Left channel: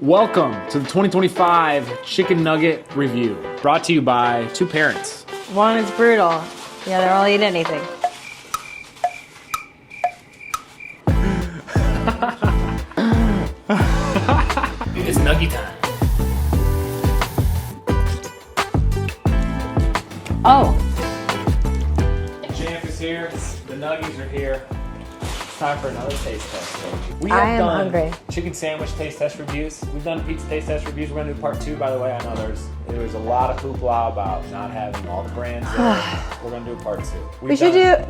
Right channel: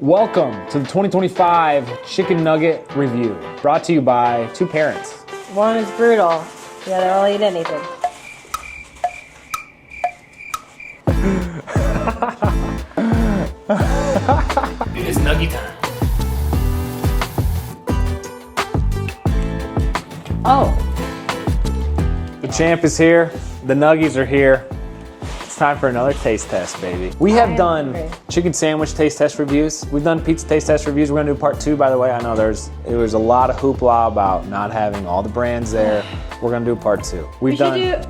Welcome to the 2025 Chicken Nugget Review, brought to you by two parents. One is brutal, the other will eat anything. It's nugget time. Oh. The champ is here, the nuggies are here. It's time for another taste test, baby. We have done chicken sandwich taste test reviews. We've done pizza taste test reviews. We're gonna do part 2, by the way. I know there was a lot of hoopla about not having all the brands there. We're gonna do part 2. We shouldn't.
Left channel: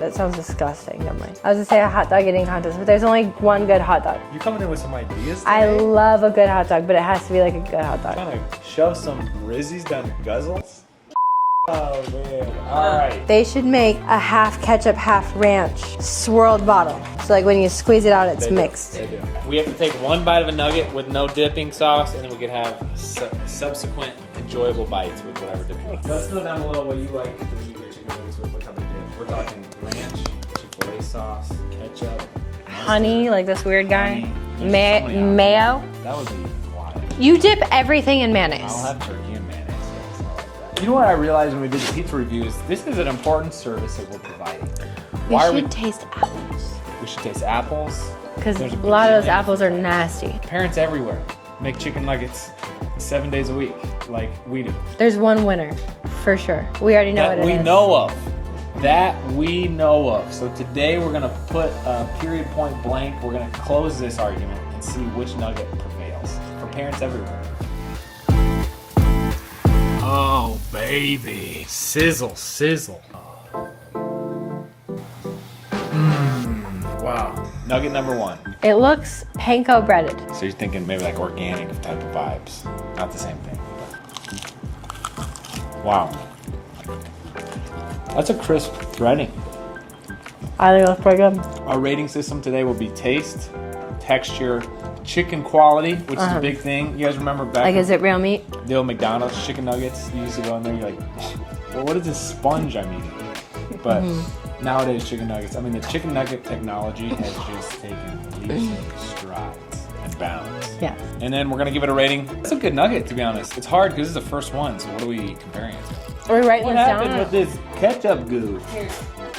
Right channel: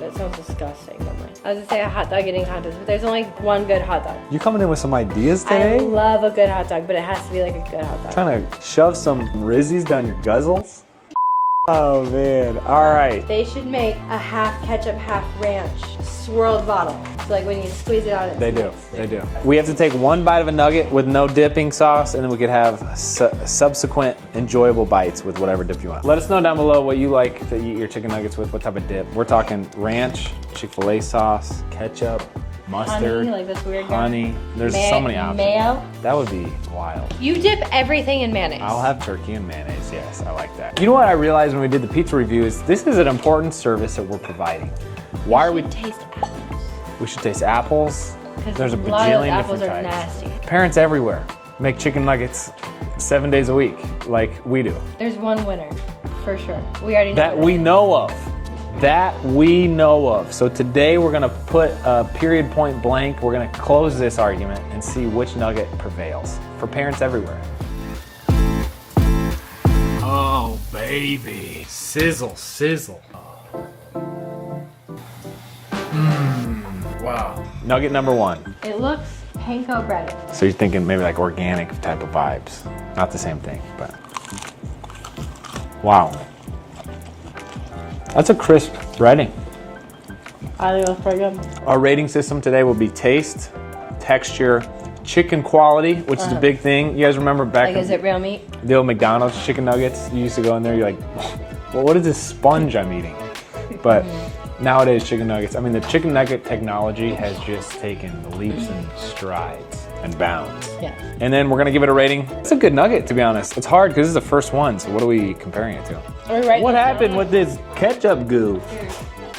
That sounds disgusting. Never mind. I was gonna say a hot dog eating contest, but there's only one good hot dog. You coming in with some ideas today? I love a good hot dog, but it has to be like a good hot dog. Trying to shove some Rizzies down your guzzles? Oh man, all right. They should make a half ketchup, half ranch swirled bottle. So like when you squeeze it out, it's mixed. They do. We have to take one bite of a nugget with no dipping sauce, and then we could have subsequent enjoyable bites with whatever dip you want. Let us know down below what you like to eat your chicken nuggets with, what type of dip. We're talking ranch, Chick-fil-A sauce, ketchup, mustard. Honey, like this weird guy. Honey. There's so many options. Mayo. That would be wild. You dip everything in mayonnaise. I'll have turkey and mayonnaise, yes, I like that. You know what I realized when we did the pizza reviews? This is an important service that we're providing. We should taste apples. We should taste apples. Because a lot of those apples are nasty. Parents everywhere make chicken nuggets 7 days a week, like we do. There's one winner, for sure. We already know That we know of. That we know of. So today we're gonna put a period point blank. We're gonna close this argument and see which nugget prevails for parents everywhere. Oh, baby. Sizzle, sizzle. Wow. Nugget number 1. It looks panko breaded. So you're thinking maybe like organic type of vibes. Not the same thing, but. Wow. That's a crisp breading. I think it looks pretty good. Our rating system today will be taste, texture, chicken quality, which is a big thing. You guys remember back Like, is it real meat? the old McDonald's chicken nuggets? You used to go in there, you're like, well, what is this sponge I'm eating? But nowadays, chicken nuggets, I mean, the chicken nugget technology has just taken leaps and strides and bounds. Yeah. And then we're gonna give it a rating. It's a good nugget, to be honest. It's hard because this is the first one, so what are we comparing it to? What happened with this ketchup goo?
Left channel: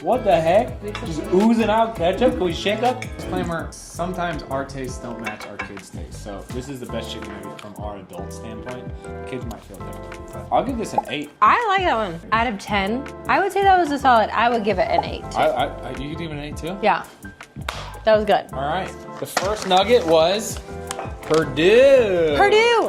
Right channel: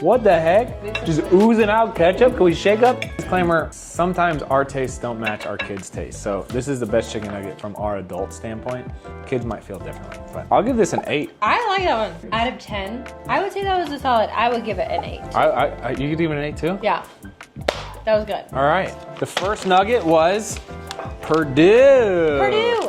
What the heck? Just oozing out ketchup? Can we shake up? Disclaimer, sometimes our tastes don't match our kids' tastes. So this is the best chicken nugget from our adult standpoint. Kids might feel differently, but I'll give this an 8. I like that one. Out of 10, I would say that was a solid. I would give it an 8. You could give it an 8 too? Yeah. That was good. All right. The first nugget was Purdue. Purdue.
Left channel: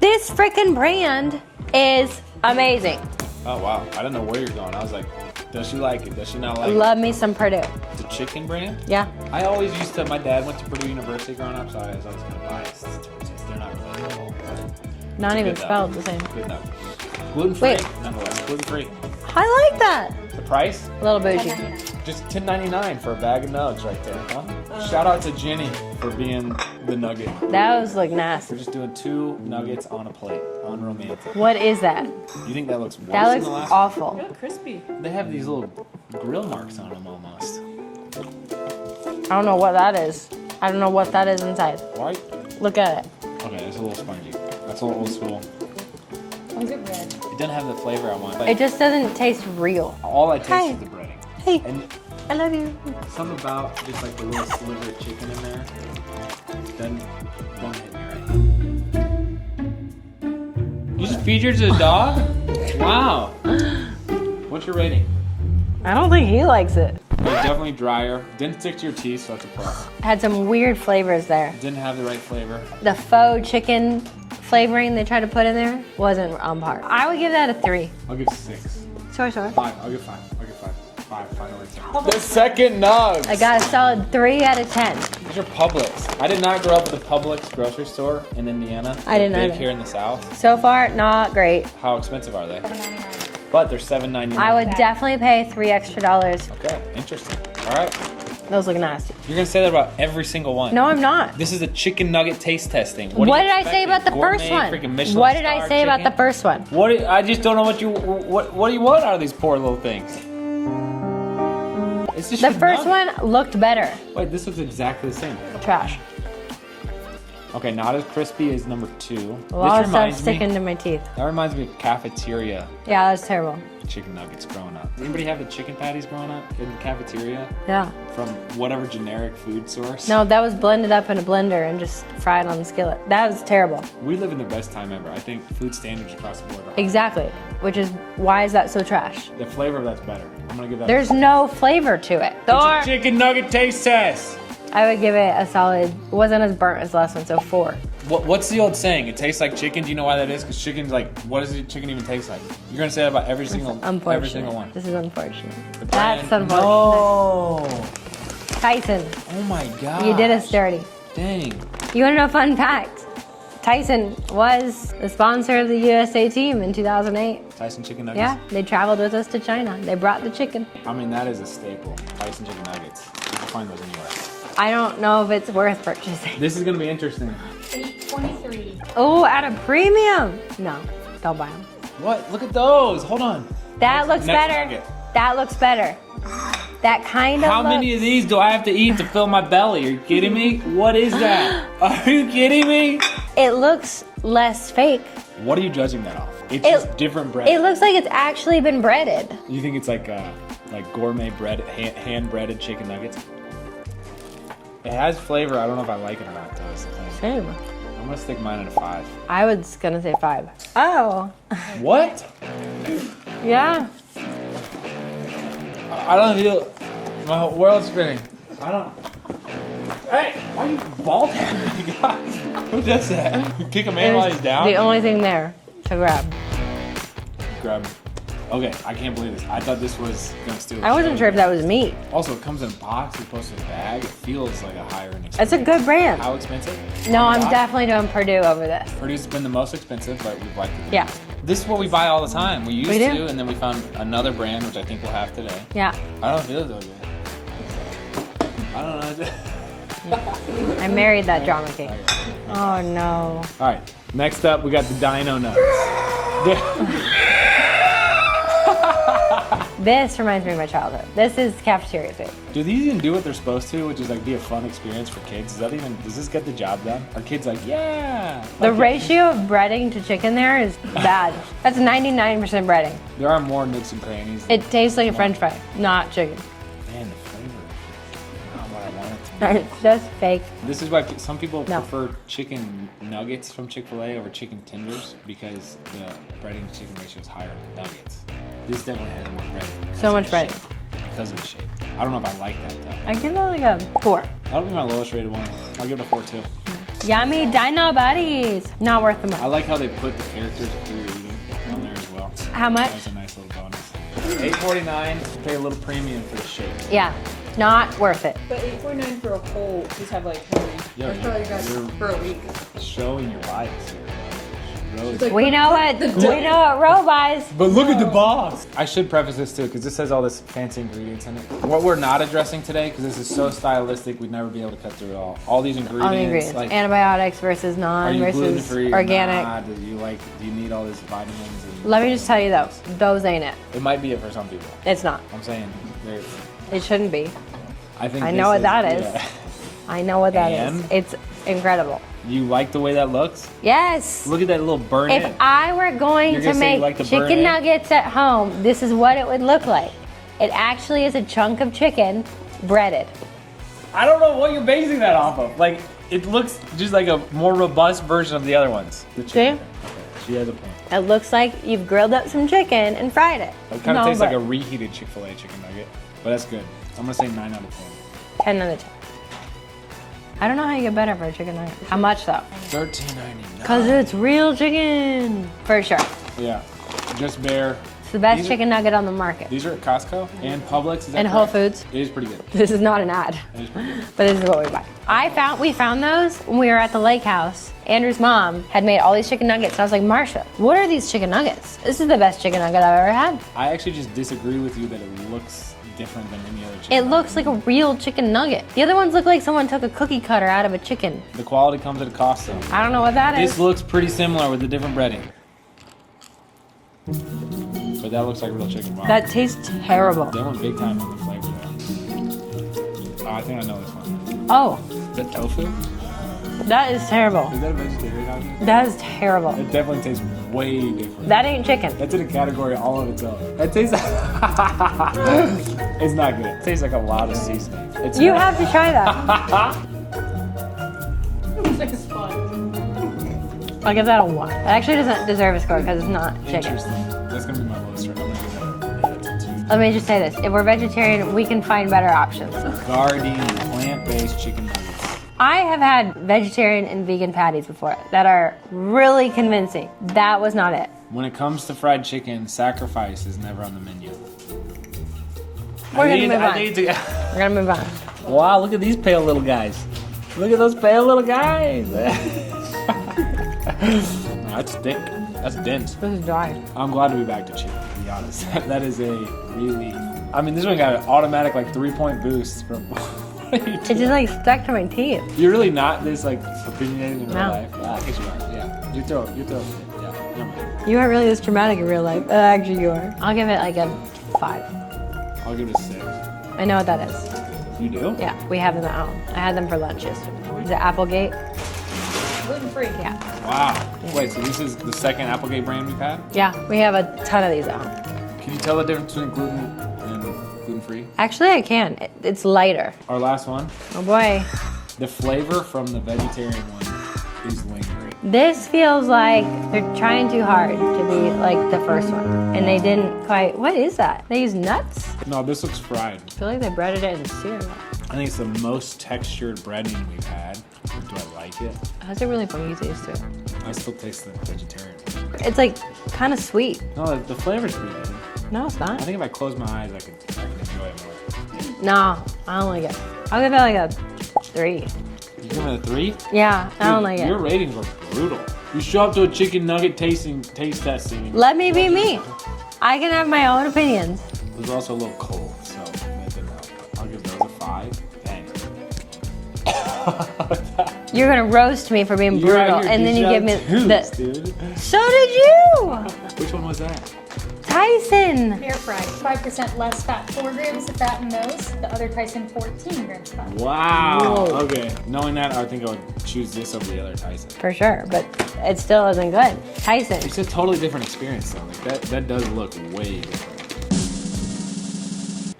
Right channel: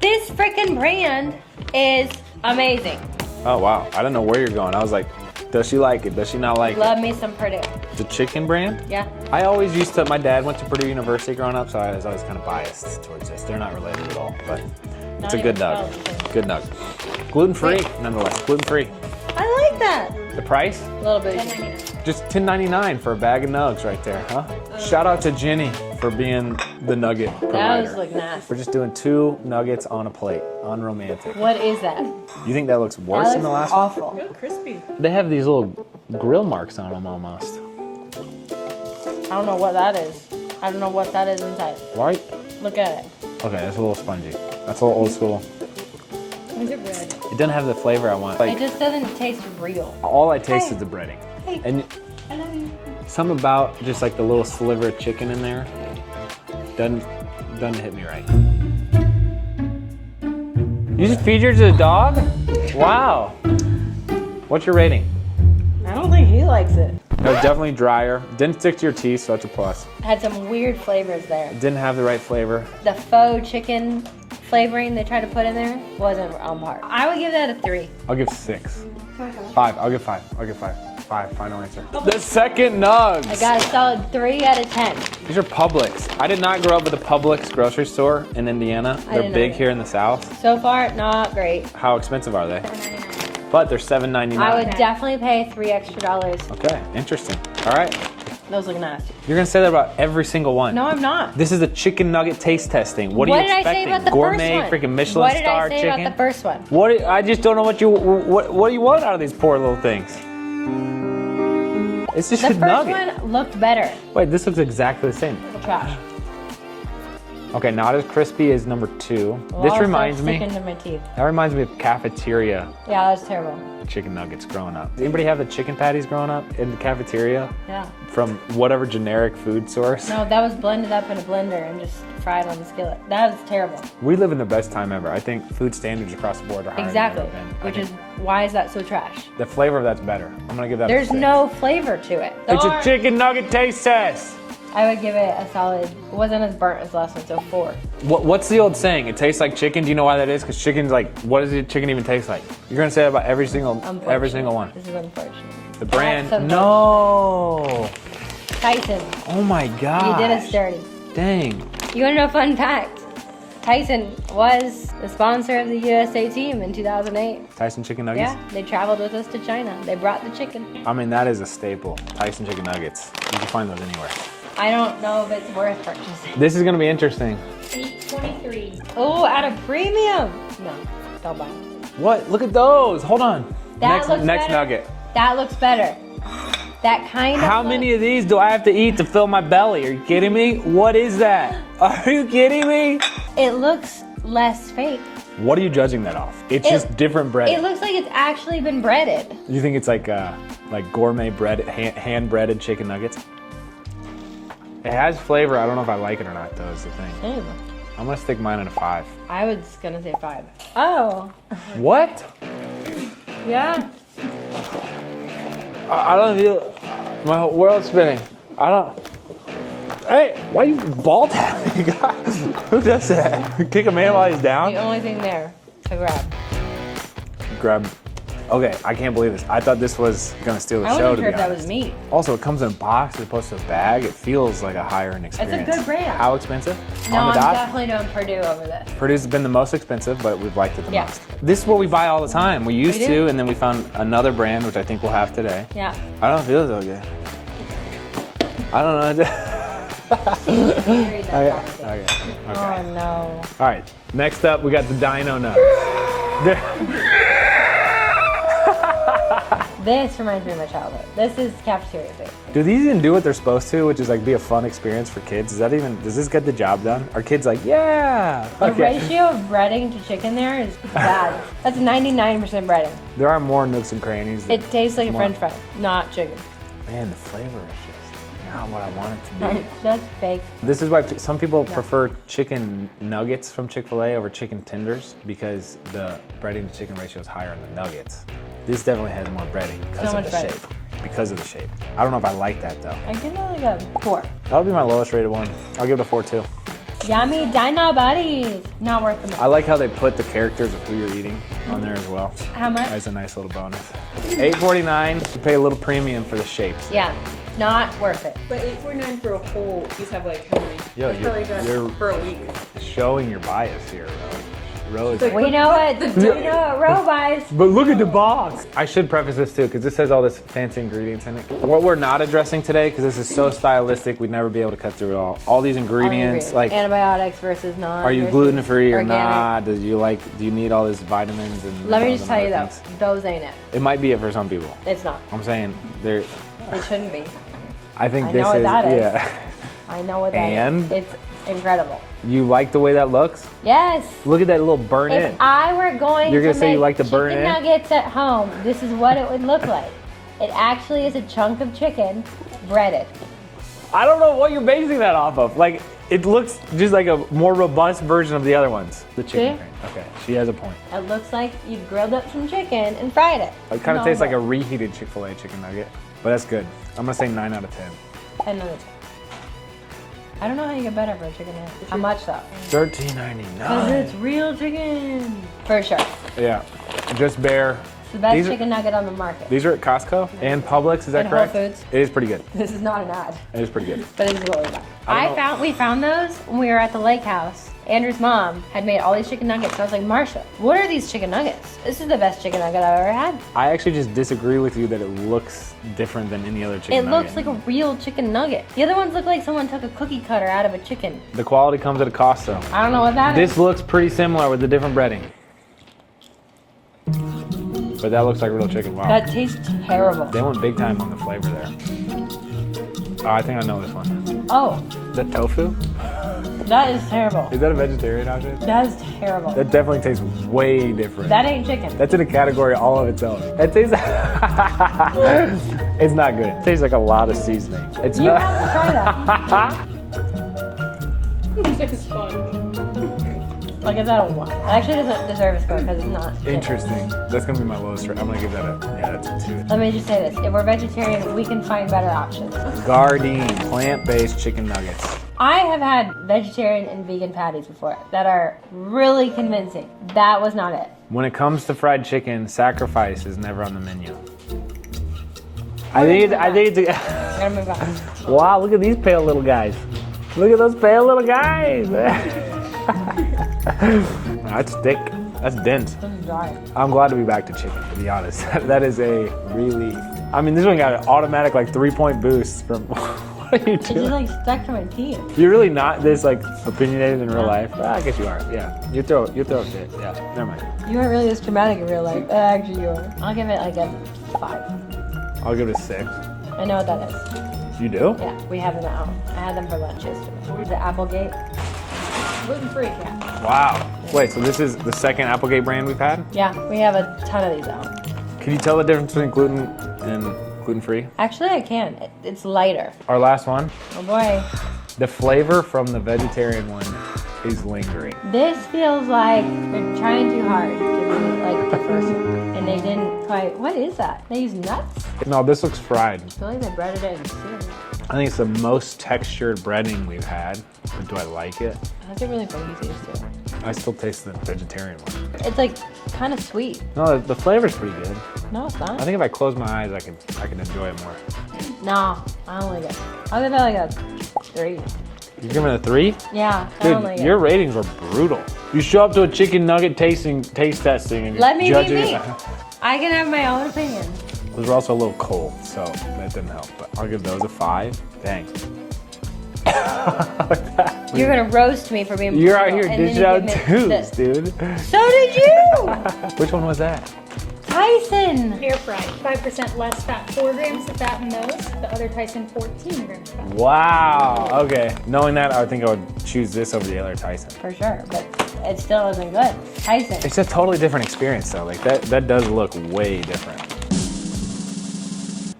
This freaking brand is amazing. Oh, wow. I don't know where you're going. I was like, does she like it? Does she not like it? Love me some Purdue. The chicken brand? Yeah. I always used to, my dad went to Purdue University growing up, so I was always kind of biased towards this. They're not related at all, but Not it's a even good spelled nugget. the same. Good nugget. Gluten-free, nonetheless. Gluten-free. I like that. The price? A little bougie. Just $10.99 for a bag of nugs right there, huh? Shout out to Jenny for being the nugget provider. Those look nasty. We're just doing 2 nuggets on a plate. Unromantic. What is that? You think that looks worse That than the looks last one? awful. Crispy. They have these little grill marks on them almost. I don't know what that is. I don't know what that is inside. What? Look at it. Okay, that's a little spongy. That's a little old school. Is it red? It doesn't have the flavor I want. It Like, just doesn't taste real. all I taste Hey. is the breading. Hey, And I love you. something about just like the little sliver of chicken in there doesn't hit me right. You just feed yours to a dog? Wow. What's your rating? I don't think he likes it. It was definitely drier. Didn't stick to your teeth, so that's a plus. Had some weird flavors there. Didn't have the right flavor. The faux chicken flavoring they tried to put in there wasn't on par. I would give that a 3. I'll give 6. Sorry. 5. I'll give 5. 5. Final answer. The second nugs. I got a solid 3 out of 10. These are Publix. I did not grow up with a Publix grocery store in Indiana. I They're didn't big either. here in the South. So far, not great. How expensive are they? But they're $7.99. I would definitely pay $3 extra. Okay, interesting. All right. Those look nasty. You're gonna say that about every single one. No, I'm not. This is a chicken nugget taste testing. What, What are you did I say expecting? about the Gourmet, first one? Freaking Michelin What did star I say chicken? about the first one? I just don't know what do you want out of these poor little things. It's just The a first nugget. one looked better. Wait, this looks exactly the same. Trash. Okay, not as crispy as number 2. Well, This I'll reminds start me. sticking to my teeth. That reminds me of cafeteria Yeah, that's terrible. chicken nuggets growing up. Did anybody have the chicken patties growing up in the cafeteria Yeah. from whatever generic food source? No, that was blended up in a blender and just fried on the skillet. That was terrible. We live in the best time ever. I think food standards across the board are higher. Exactly. Which is why is that so trash? The flavor of that's better. I'm gonna give that. There's no flavor to it. It's a chicken nugget taste test. I would give it a solid. It wasn't as burnt as the last one, so 4. What's the old saying? It tastes like chicken. Do you know why that is? Because chicken's like, what does the chicken even taste like? You're gonna say that about every single one. This is unfortunate. The brand. That's unfortunate. No. Tyson, Oh my god. you did us dirty. Dang. You wanna know a fun fact? Tyson was the sponsor of the USA team in 2008. Tyson chicken nuggets. Yeah, they traveled with us to China. They brought the chicken. I mean, that is a staple. Tyson chicken nuggets. You can find those anywhere. I don't know if it's worth purchasing. This is gonna be interesting. 823. Oh, at a premium. No, don't buy them. What? Look at those. Hold on. That looks next better. nugget. That looks better. That kind of. How many of these do I have to eat to fill my belly? Are you kidding me? What is that? Are you kidding me? It looks less fake. What are you judging that off? It's just different bread. It looks like it's actually been breaded. You think it's like gourmet bread, hand breaded chicken nuggets? It has flavor. I don't know if I like it or not, though, is the thing. Same. I'm gonna stick mine at a 5. I was gonna say 5. Oh. What? Yeah. I don't feel. My whole world's spinning. I don't. Hey, why are you ball tapping? Who does that? Kick a man while he's down? The only thing there to grab. Grab. Okay, I can't believe this. I thought this was gonna steal the I show. wasn't sure if that was meat. Also, it comes in a box as opposed to a bag. It feels like a higher end experience. It's a good brand. How expensive? No, On I'm the dot? definitely doing Purdue over this. Purdue's been the most expensive, but we've liked it the Yeah. most. This is what we buy all the time. We used We do. to, and then we found another brand, which I think we'll have today. Yeah. I don't feel so good. I don't know. I married that geography. Okay. Oh no. All right, next up, we got the Dino Nuts. This reminds me of my childhood. This is cafeteria food. Do these even do what they're supposed to, which is like be a fun experience for kids? Does this get the job done? Are kids like, yeah? The okay. ratio of breading to chicken there is bad. That's 99% breading. There are more nooks and crannies. It tastes like a french fry, not chicken. Man, the flavor is just not what I want it to be. It's just fake. This is why some people prefer chicken nuggets from Chick-fil-A over chicken tenders because the breading to chicken ratio is higher on the nuggets. These definitely had more breading. because So of much the breading. shape. Because of the shape. I don't know if I like that though. I give it like a 4. That'll be my lowest rated one. I'll give it a 4 too. Yummy dino buddies. Not worth them I all. like how they put the characters of who you're eating on there as well. How much? That's a nice little bonus. $8.49. You pay a little premium for the shape. Yeah, not worth it. But 849 for a whole, these have like how many? Yo, That's probably best you're for a week. showing your bias here. Rose. We know what Roe buys. But look at the box. I should preface this too, because this has all this fancy ingredients in it. What we're not addressing today, because this is so stylistic, we'd never be able to cut through it all. All these ingredients, like, Antibiotics versus non. are you versus gluten free or organic. not? Do you need all these vitamins? And Let me all just the tell you though, proteins? those ain't it. It might be it for some people. It's not. I'm saying there. It shouldn't be. I think I this know what is, that is. Yeah. I know what that is. And? It's incredible. You like the way that looks? Yes. Look at that little burn If in. I were going You're to gonna say you make like the burn chicken in? nuggets at home, this is what it would look like. It actually is a chunk of chicken breaded. I don't know what you're basing that off of. Like, it looks just like a more robust version of the other ones. The chicken. See? Okay, she has a point. It looks like you've grilled up some chicken and fried it. It kind of No, tastes like but a reheated Chick-fil-A chicken nugget, but that's good. I'm gonna say 9 out of 10. 10 out of 10. I don't know how you get better for a chicken nugget. How much though? $13.99. Because it's real chicken. For sure. Yeah, just bare. It's the best These are- chicken nugget on the market. These are at Costco and Publix. Is that And Whole correct? Foods. It is pretty good. This is not an ad, It is pretty good. but this is what we buy. We found those when we were at the lake house. Andrew's mom had made all these chicken nuggets. I was like, Marsha, what are these chicken nuggets? This is the best chicken nugget I've ever had. I actually just disagree with you that it looks different than any other chicken It nugget. looks like a real chicken nugget. The other ones look like someone took a cookie cutter out of a chicken. The quality comes at a cost, though. I don't know what that is. This looks pretty similar with the different breading. But that looks like real chicken. Wow. That tastes terrible. They went big time on the flavor there. Oh, I think I know this one. Oh, Is that tofu? That is terrible. Is that a vegetarian option? That is terrible. That definitely tastes way different. That ain't chicken. That's in a category all of its own. It tastes. It's not good. It tastes like a lot of seasoning. It's You not... have to try that. It's fun. I'll give that a 1. It actually doesn't deserve a score because it's not chicken. Interesting. That's gonna be my lowest. I'm gonna give that that's a 2. Let me just say this. If we're vegetarian, we can find better options. Gardein, plant-based chicken nuggets. I have had vegetarian and vegan patties before that are really convincing. That was not it. When it comes to fried chicken, sacrifice is never on the menu. We're I gonna need to. We're gonna move on. Wow, look at these pale little guys. Look at those pale little guys. No, that's thick. That's dense. This is dry. I'm glad to be back to chicken, to be honest. That is a really... I mean, this one got an automatic, like, 3-point boost from... What are you doing? It's just like stuck to my teeth. You're really not this, like, opinionated in real No. life? Well, I guess you are, yeah. You throw it fit. Yeah, never mind. You aren't really this dramatic in real life, but actually you are. I'll give it like a 5. I'll give it a 6. I know what that is. You do? Yeah, we have them at home. I had them for lunch yesterday. The Applegate. Gluten-free. Yeah. Wow. Wait, so this is the second Applegate brand we've had? Yeah, we have a ton of these at home. Can you tell the difference between gluten and gluten-free? Actually, I can. It's lighter. Our last one, Oh boy. the flavor from the vegetarian one is lingering. This feels like they're trying too hard to be like the first one. And they didn't quite. What is that? They use nuts? No, this looks fried. I feel like they breaded it in cereal. I think it's the most textured breading we've had. But do I like it? How's it really funny to taste it? I still taste the vegetarian one. It's like kind of sweet. No, the flavor's pretty good. No, it's I not. think if I close my eyes, I can enjoy it more. No, I don't like it. I'll give it like a 3. You give it a 3? Yeah, I don't like Your it. ratings were brutal. You show up to a chicken nugget taste testing. And Let me judge be it. me. I can have my own opinion. It was also a little cold, so that didn't help. But I'll give those a 5. Dang. You're gonna roast me for being You're brutal, out here and then you give me twos, the. dude. So did you, Which one was that? Tyson. Air fried. 5% less fat. 4 grams of fat in those. The other Tyson 14 grams fat. Wow. Whoa. Okay. Knowing that, I think I would choose this over the other Tyson. For sure, but it still isn't good. Tyson. It's a totally different experience, though. Like that does look way different.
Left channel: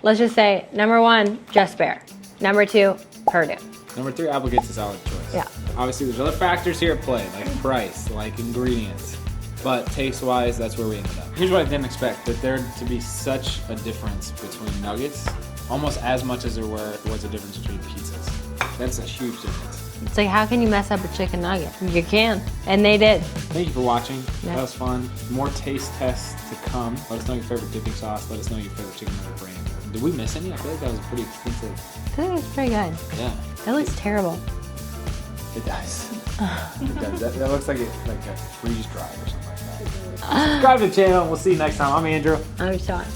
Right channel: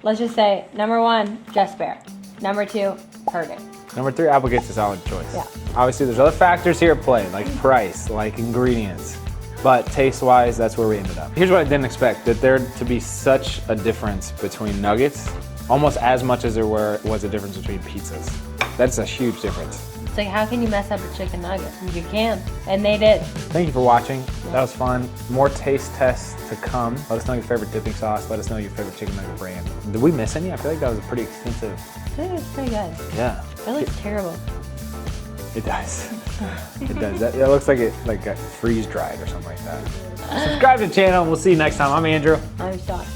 Let's just say number 1, Just Bear. Number 2, Purdue. Number 3, Applegate's a solid choice. Yeah. Obviously, there's other factors here at play, like price, like ingredients. But taste-wise, that's where we ended up. Here's what I didn't expect, that there to be such a difference between nuggets, almost as much as there was a difference between pizzas. That's a huge difference. It's like, how can you mess up a chicken nugget? You can, and they did. Thank you for watching. Yeah. That was fun. More taste tests to come. Let us know your favorite dipping sauce. Let us know your favorite chicken nugget brand. Did we miss any? I feel like that was a pretty extensive. This is pretty good. Yeah, It looks terrible. it does. It does. That looks like it got freeze dried or something like that. Subscribe to the channel. We'll see you next time. I'm Andrew. I'm shocked.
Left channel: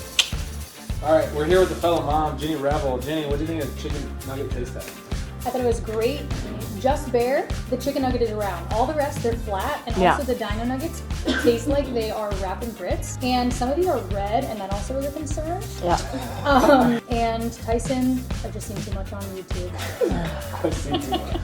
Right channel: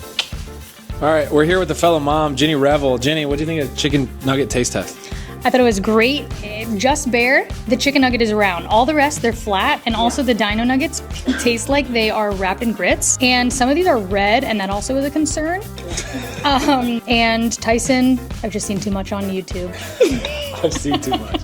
All right, we're here with the fellow mom, Jenny Revel. Jenny, what do you think of the chicken nugget taste test? I thought it was great. Just Bear, the chicken nugget is round. All the rest, they're flat. And also the dino nuggets taste like they are wrapped in grits. And some of these are red, and that also is a concern. And Tyson, I've just seen too much on YouTube. I've seen too much.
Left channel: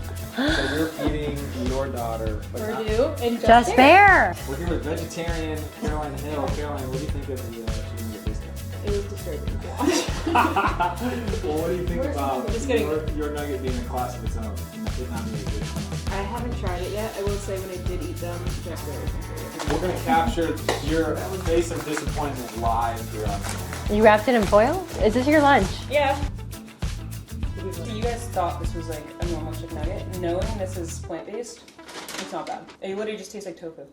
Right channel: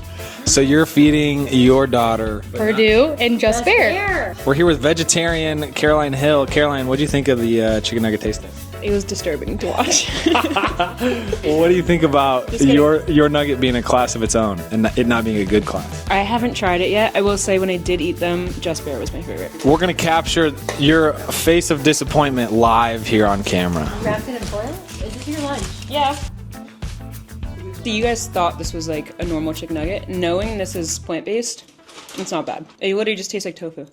So you're feeding your daughter Purdue and Just Bear. We're here with vegetarian Caroline Hill. Caroline, what do you think of the chicken nugget taste test? It was disturbing to watch. Well, what do you think about your nugget being a class of its own and it not being a good class? I haven't tried it yet. I will say when I did eat them, Just Bear was my favorite. We're gonna capture your face of disappointment live here on camera. You wrapped it in foil? Is this your lunch? Yeah. So you guys thought this was like a normal chicken nugget. Knowing this is plant-based, it's not bad. It literally just tastes like tofu.